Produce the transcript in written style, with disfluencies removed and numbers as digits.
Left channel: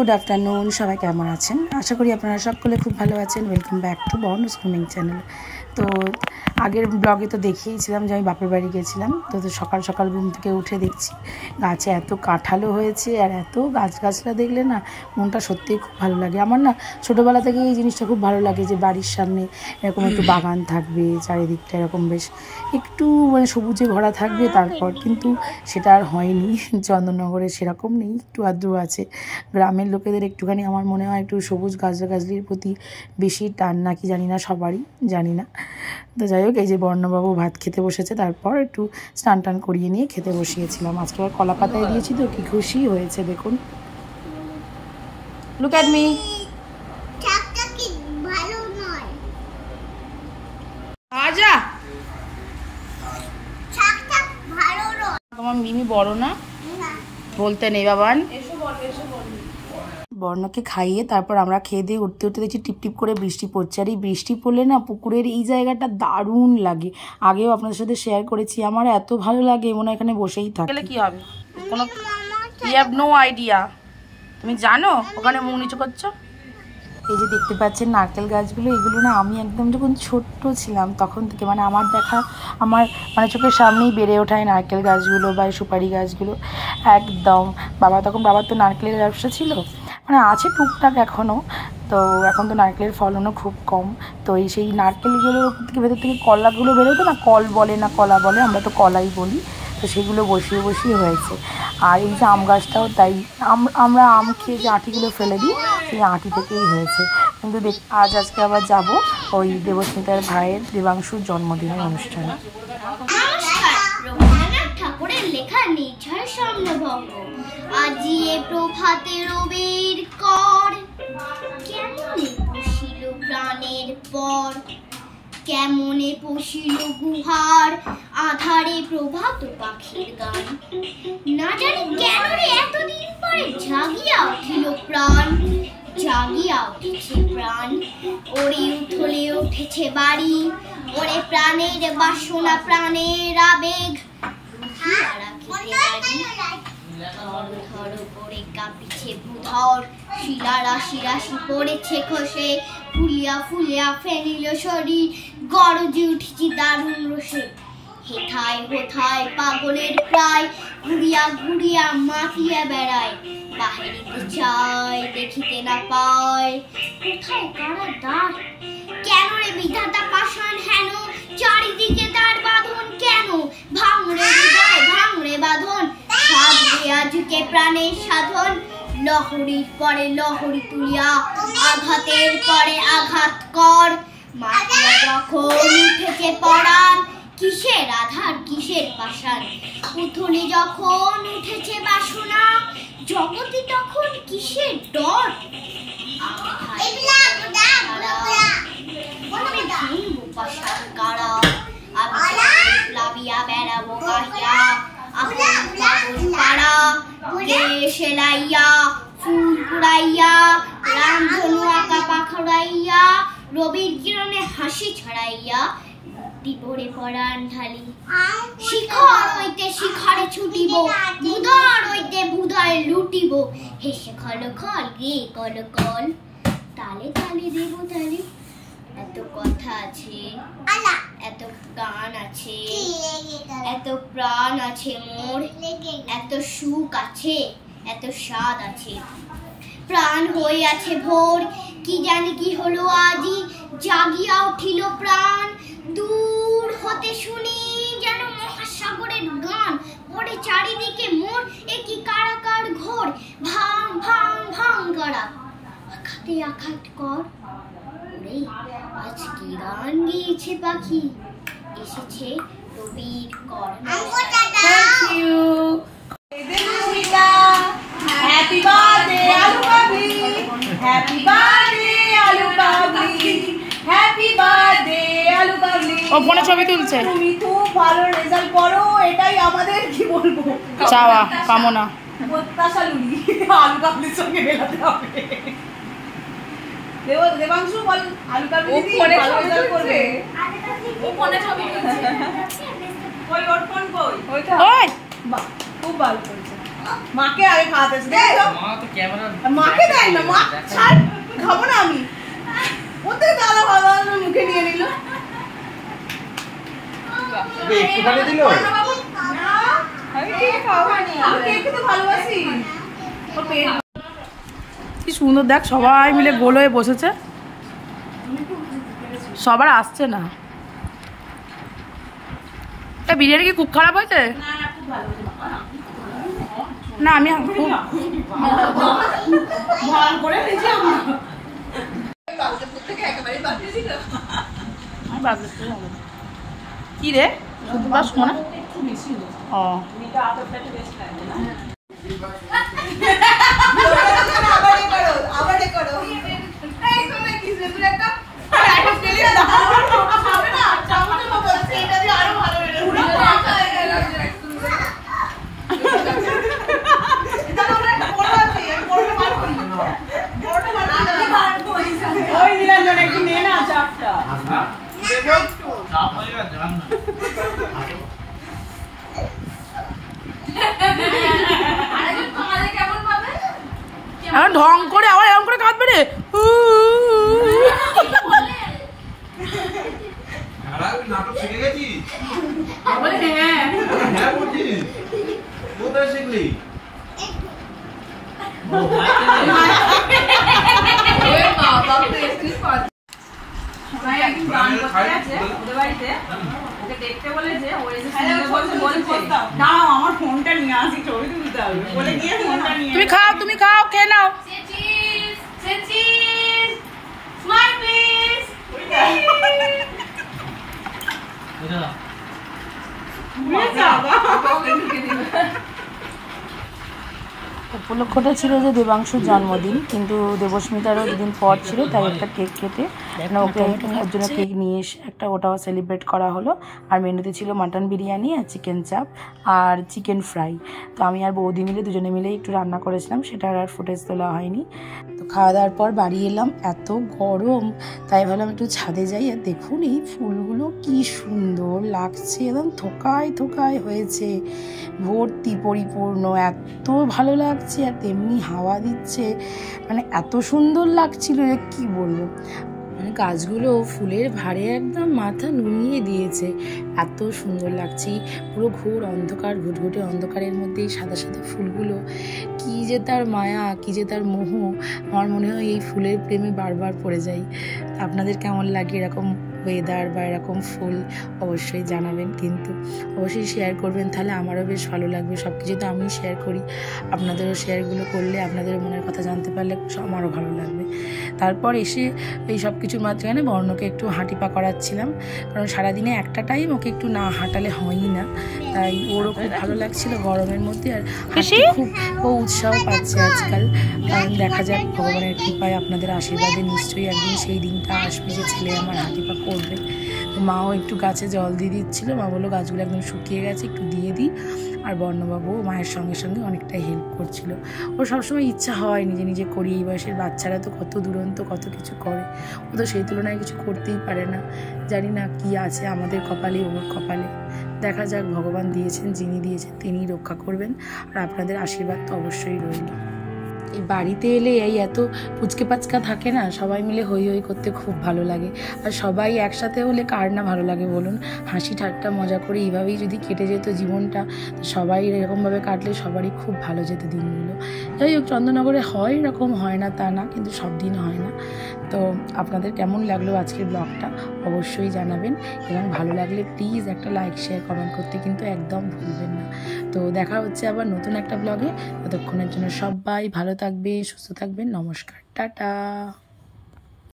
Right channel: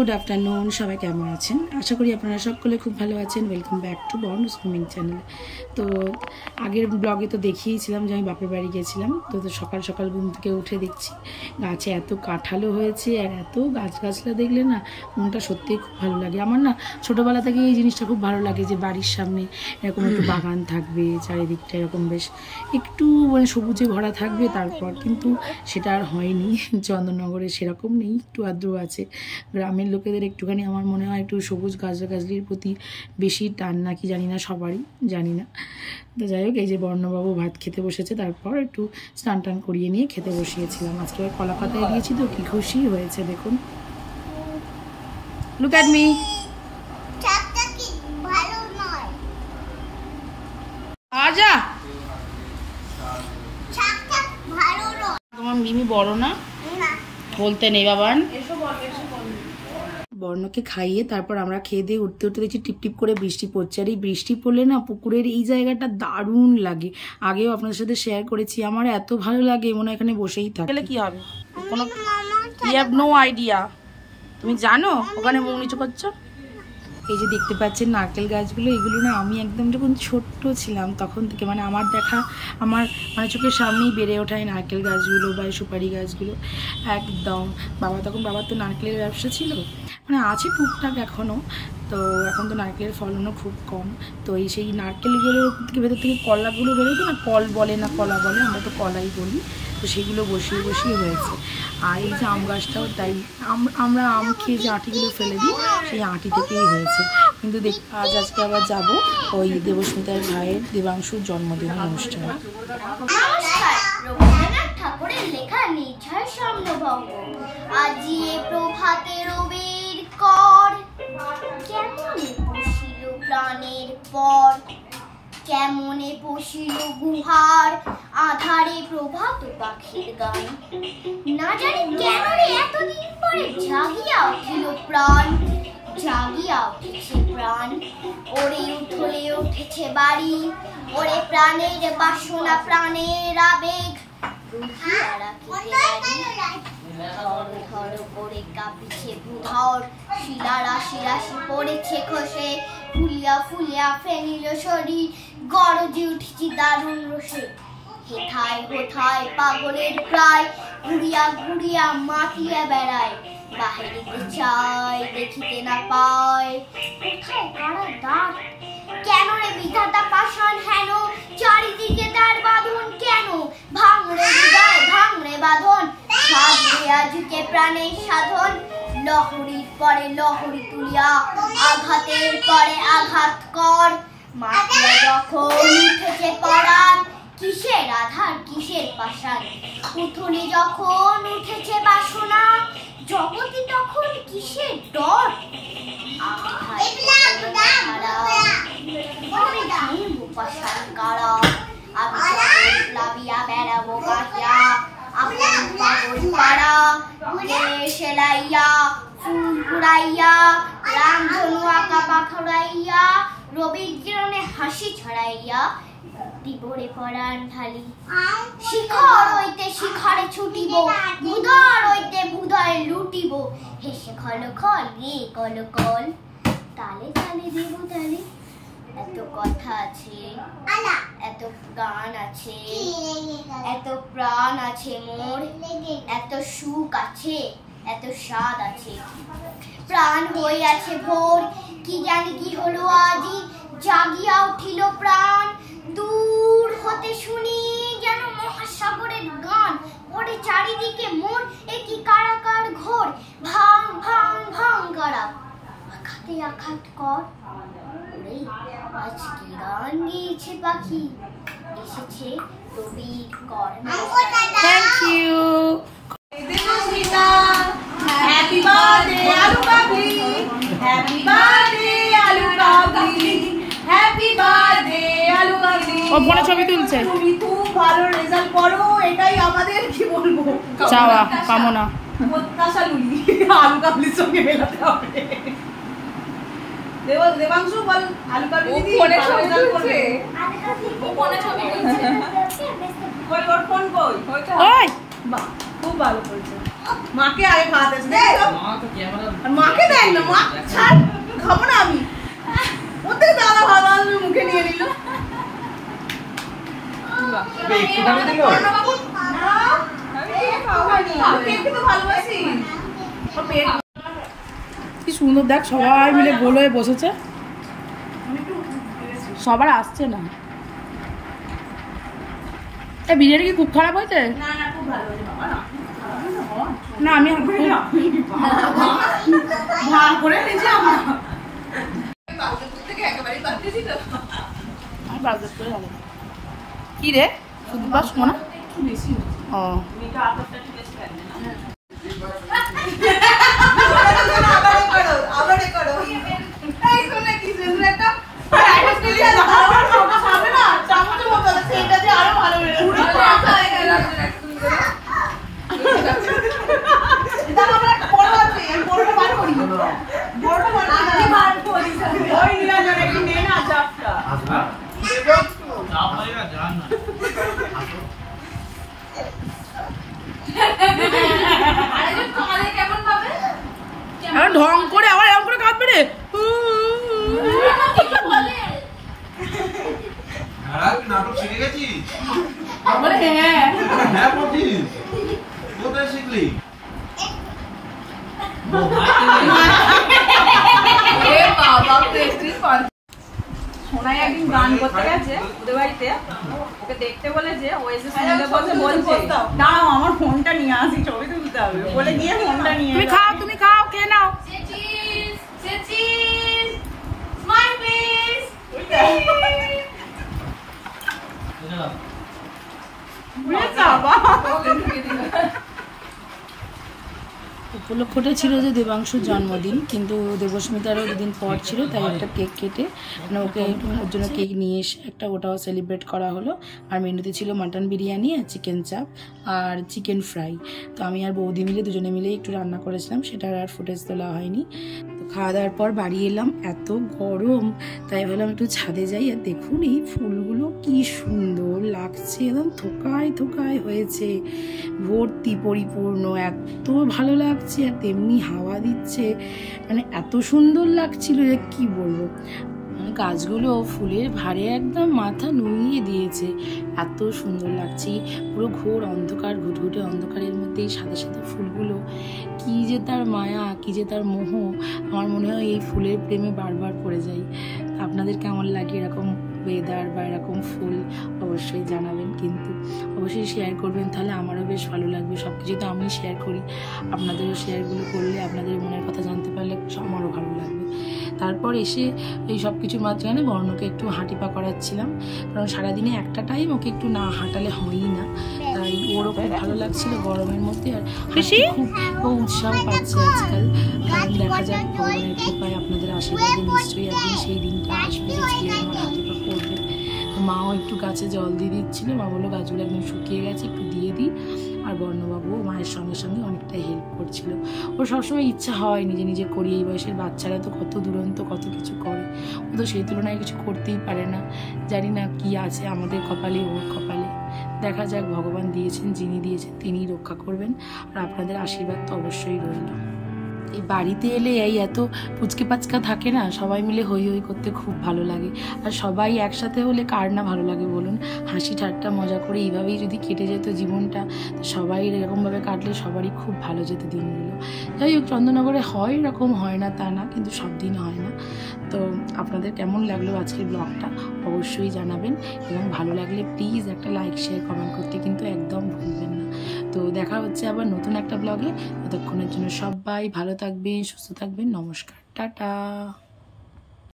Good afternoon, সবাই কেমন আছেন? আশা করি আপনারা সকলে খুব ভালো আছেন। ওয়েলকাম ব্যাক টু বর্ণ সুইমিং চ্যানেল। তো আগের ব্লগে তো দেখিয়েছিলাম যে আমি বাপের বাড়ি গেছিলাম। তো সকাল সকাল ঘুম থেকে উঠে দেখছি গাছে এত কাঁঠালও হয়েছে, আর এত গাছগাছলা দেখলে না মনটা সত্যিই খুব ভালো লাগে। আমার না ছোটোবেলা থেকে এই জিনিসটা খুব ভালো লাগে যে বাড়ির সামনে এরকম একটু বাগান থাকবে, চারিদিকটা এরকম বেশ একটু মানে সবুজে ভরা থাকবে। তারপর কিন্তু সেটা আর হয়নি, চন্দননগরে সেরকম নেই, একটু আদ্র আছে। গ্রামের লোকেদের একটুখানি আমার মনে হয় একটু সবুজ গাছগাছলির প্রতি বেশি টান নাকি জানি না, সবারই জানি না। তো যাই হোক, এই যে বর্ণবাবু ভাত খেতে বসেছে, তারপর একটু স্নান টান করিয়ে নিয়ে খেতে বসিয়েছিলাম। আজকে আবার কলা পাতায় দিয়েছি তো কি খুশি হয়েছে দেখুন। Look at me. আজা তোমার মিমি বড় না বলতে নেই বাবান। বর্ণকে খাইয়ে তারপর আমরা খেয়ে দিয়ে উঠতে উঠতে দেখছি টিপ টিপ করে বৃষ্টি পড়ছে। আর এই বৃষ্টি পড়লে না পুকুরের এই জায়গাটা দারুণ লাগে। আগেও আপনাদের সাথে শেয়ার করেছি, আমার এত ভালো লাগে মনে হয় এখানে বসেই থাকলে কি হবে। কোনো ইউ হ্যাভ নো আইডিয়া। তুমি জানো ওখানে মুখ নিচু করছো? এই যে দেখতে পাচ্ছেন নারকেল গাছগুলো, এগুলো না আমি একদম যখন ছোট্ট ছিলাম তখন থেকে মানে আমার দেখা, আমার মানে চোখের সামনেই বেড়ে ওঠায় নারকেল গাছগুলো বা সুপারি গাছগুলো একদম। বাবার তো নারকেলের ব্যবসা ছিল, মানে আছে টুকটাক এখনও। তো এখন তো নারকেলের ফলনও খুব কম। তো এই সেই নারকেলগুলোর উপর থেকে ভেতর থেকে কলাগুলো বেরোতো না, কল বলে না কলা বলে, আমরা তো কলাই বলি। তো সেগুলো বসিয়ে বসিয়ে হয়েছে। আর এই যে আম গাছটাও তাই, আমরা আম খেয়ে যে আঁটিগুলো ফেলে দিই সেই আঁটি থেকেই হয়েছে। কিন্তু আজকে আবার যাব ওই দেবস্মিতার ভাইয়ের দেবাংশুর জন্মদিনের অনুষ্ঠানে। ঠাকুরের লেখা নিঝার স্বপ্নভঙ্গ আজি এ প্রভাতে রবির কর কেমনে পশিল প্রাণের পর কেমনে পশিল গুহার আধারে প্রভাত পাখির গান না জানি কেন রে এতদিন পরে জাগিয়া উঠিল প্রাণ জাগিয়া উঠেছে প্রাণ ওরে উঠলে উঠেছে বাড়ি ওরে প্রাণের বাসনা প্রাণের আবেগ করে কাঁপিছে ভূধর শিলা রাশি রাশি পড়েছে খসে ফুলিয়া ফুলিয়া ফেনিল শরীর গরজে উঠেছি দারুণ রসে হেথায় হোথায় পাগলের প্রায় ঘুরিয়া ঘুরিয়া মাতিয়া বেড়ায় বাহিরিতে চায় দেখিতে না পায় কোথায় কারা দ্বার কেন রে বিধাতা পাষাণ হেন চারিদিকে তার বাঁধন কেন ভাঙরে হৃদয় ভাঙরে বাঁধন সাধে আজকে প্রাণের সাধন লহরীর পরে লহরী তুলিয়া আঘাতের পরে আঘাত কর মাতিয়া যখন উঠেছে পরাণ কিসের আধার কিসের পাষাণ পুতুলি যখন উঠেছে বাসনা জগতে তখন কিসের ডর পাষাণ কারা আমি প্লাবিয়া বেড়াবো গাহিয়া আপন পাগল পাড়া সেলাইয়া ফুল কুড়াইয়া রামধনু আঁকা পাখড়াইয়া রবির কিরণে হাসি ছড়াইয়া দিবরে পরাণ ঢালি শিখর হইতে শিখরে ছুটিব ভুধর হইতে ভুধয় লুটিব হেসে খল খল গে কল কল তালে তালে দেব তালে এত কথা আছে এত গান আছে এত প্রাণ আছে মোর এত সুখ আছে এত স্বাদ আছে প্রাণ হয়ে আছে ভোর কি জানি কি হলো আজি জাগিয়া উঠিল প্রাণ দূর হতে শুনি যেন মহাসাগরের গান ওরে চারিদিকে মোর একই কারাকার ঘোর ভাং ভাং ভাং করা আঘাতে আঘাত কর ওরে আজ কি গান গেয়েছে পাখি এসেছে রবির কর। Thank you. হ্যাপি বার্থডে আলু কাবলি হ্যাপি বার্থডে আলু কাবলি হ্যাপি বার্থডে আলু কাবলি। ও ফোনে ছবি তুলছে। তুমি খুব ভালো রেজাল্ট করো, এটাই আমাদের কি বলবো চাওয়া কামনা। প্রত্যাশা লুলি আলু কাবলির সঙ্গে মেলাতে হবে। দেবাংশু বল আলু কাবলি দিদি ভালো রেজাল্ট করবে। ও ফোনে ছবি তুলছে। কই ওর ফোন কই? ওই বাহ খুব ভালো করেছে। মাকে আগে খাওয়াতেছে দেখো মাকে দেয় না মা ছাড় খাবো না আমি ওদের দাদা ভালো মুখে নিয়ে নিল কি সুন্দর দেখ সবাই মিলে গোল হয়ে বসেছে সবার আসছে না বিরিয়ানি কি খুব খারাপ হয়েছে না আমি কি রে শুধু পারছো না ও ঢং করে আবার এরকম করে কাঁদবে রে নাটক শিখে গেছিস হ্যাঁ বলছিস কোথায় শিখলি একদিন গান করতে গেছে ওদের বাড়িতে ওকে দেখতে বলেছে ও এসে শুনতে বলছে না আমার ফোনটা নিয়ে আসি ছবি তুলতে হবে বলে গিয়ে ফোনটা নিয়ে তুমি খাও খেয়ে নাও উপলক্ষটা ছিল যে দেবাংশুর জন্মদিন কিন্তু দেবস্মিতারও দুদিন পর ছিল তাই একটা কেক কেটে ওকে ওর জন্য কেক নিয়ে এসে একটা ওটাও সেলিব্রেট করা হলো আর মেনুতে ছিল মাটন বিরিয়ানি আর চিকেন চাপ আর চিকেন ফ্রাই তো আমি আর বৌদি মিলে দুজনে মিলে একটু রান্না করেছিলাম সেটার আর ফুটেজ তোলা হয়নি তো খাওয়া দাওয়ার পর বাড়ি এলাম এত গরম তাই ভাবলাম একটু ছাদে যাই আর দেখুন এই ফুলগুলো কি সুন্দর লাগছে একদম থোকায় থোকায় হয়েছে ভর্তি পরিপূর্ণ এত ভালো লাগছে আর তেমনি হাওয়া দিচ্ছে মানে এত সুন্দর লাগছিল রে কি বলবো মানে গাছগুলো ফুলের ভারে একদম মাথা নুইয়ে দিয়েছে এত সুন্দর লাগছে পুরো ঘোর অন্ধকার ঘুটঘুটে অন্ধকারের মধ্যে সাদা সাদা ফুলগুলো কি যে তার মায়া কি যে তার মোহ আমার মনে হয় এই ফুলের প্রেমে বারবার পড়ে যাই আপনাদের কেমন লাগে এরকম ওয়েদার বা এরকম ফুল অবশ্যই জানাবেন কিন্তু অবশ্যই শেয়ার করবেন তাহলে আমারও বেশ ভালো লাগবে সব কিছু তো আমি শেয়ার করি আপনাদেরও শেয়ারগুলো করলে আপনাদের মনের কথা জানতে পারলে আমারও ভালো লাগবে তারপর এসে এই সব কিছুর মাঝখানে বর্ণকে একটু হাঁটিপা করাচ্ছিলাম কারণ সারাদিনে একটা টাইম ওকে একটু না হাঁটালে হয়ই না তাই ওরও খুব ভালো লাগছিল গরমের মধ্যে আর খুব ও উৎসাহ পাচ্ছে আজকাল কারণ দেখা যাক ভগবানের কৃপায় আপনাদের আশীর্বাদে নিশ্চয়ই একদিন সেই দিনটা আসবে যে ছেলে আমার হাঁটিপা করবে মাও একটু গাছে জল দিয়ে দিচ্ছিলো মা বললো গাছগুলো একদম শুকিয়ে গেছে একটু দিয়ে দিই আর বর্ণবাবু মায়ের সঙ্গে সঙ্গে অনেকটাই হেল্প করছিল ওর সবসময় ইচ্ছা হয় নিজে নিজে করি এই বয়সের বাচ্চারা তো কত দুরন্ত কত কিছু করে ও তো সেই তুলনায় কিছু করতেই পারে না জানি না কি আছে আমাদের কপালে ওর কপালে দেখা যাক ভগবান দিয়েছেন যিনি দিয়েছেন তিনিই রক্ষা করবেন আর আপনাদের আশীর্বাদ তো অবশ্যই রইল এই বাড়িতে এলে এই এত পুচকে পাচকা থাকে না সবাই মিলে হই হই করতে খুব ভালো লাগে আর সবাই একসাথে হলে কার না ভালো লাগে বলুন হাসি ঠাট্টা মজা করে এইভাবেই যদি কেটে যেত জীবনটা সবাই এরকমভাবে কাটলে সবারই খুব ভালো যেত দিনগুলো যাই হোক চন্দননগরে হয় এরকম হয় না তা না কিন্তু সব দিন হয় না তো আপনাদের কেমন লাগলো আজকের ব্লগটা অবশ্যই জানাবেন এবং ভালো লাগলে প্লিজ একটা লাইক শেয়ার কমেন্ট করতে কিন্তু একদম ভুলবেন না তো দেখা হচ্ছে আবার নতুন একটা ব্লগে ততক্ষণের জন্য সবাই ভালো থাকবেন সুস্থ থাকবেন নমস্কার টাটা।